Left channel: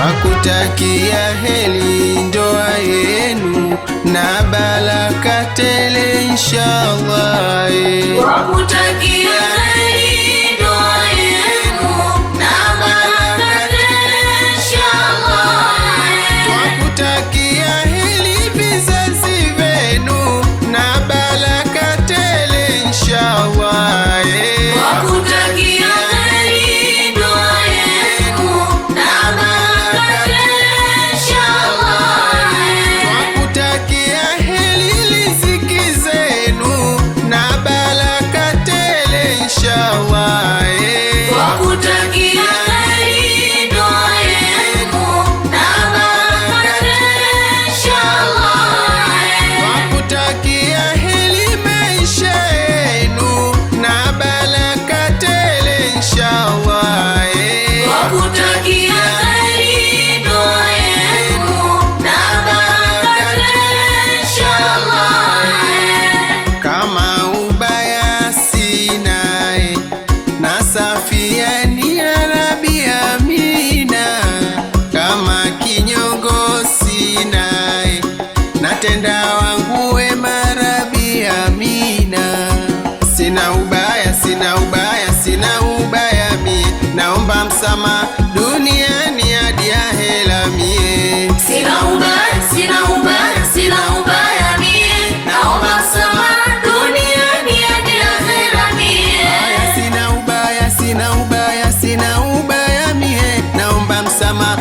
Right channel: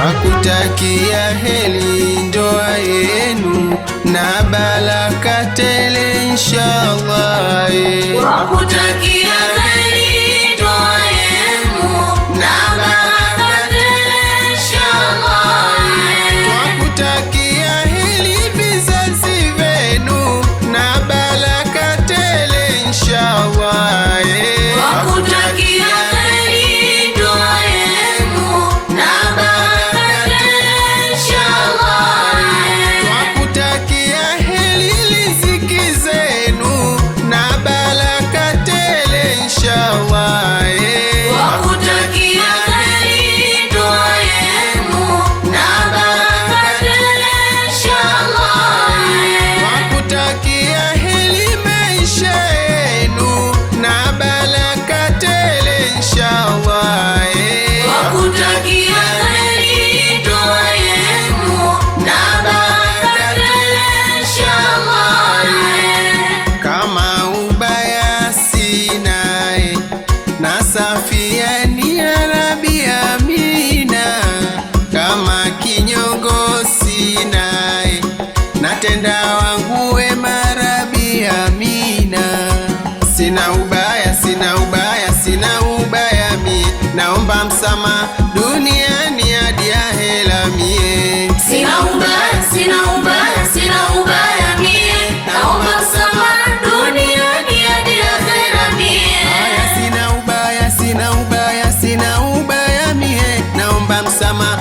twakutakia heri ndoa yenu na baraka tele inshallah. Twakutakia heri ndoa yenu na baraka tele inshallah. Twakutakia heri vizazi vyenu na baraka tele inshallah. Kama ubaya sinae nasafia ni ya Rabbi Amina, kama kinyongo sinae natenda wangu wema Rabbi Amina. Sina ubaya, sina ubaya, sina ubaya mie, naomba msamaha duniani hadi ahera mie. Sina ubaya, sina ubaya, sina ubaya mie, naomba msamaha duniani hadi ahera mie. Aya, sina ubaya, sina ubaya, sina ubaya mie, naomba msamaha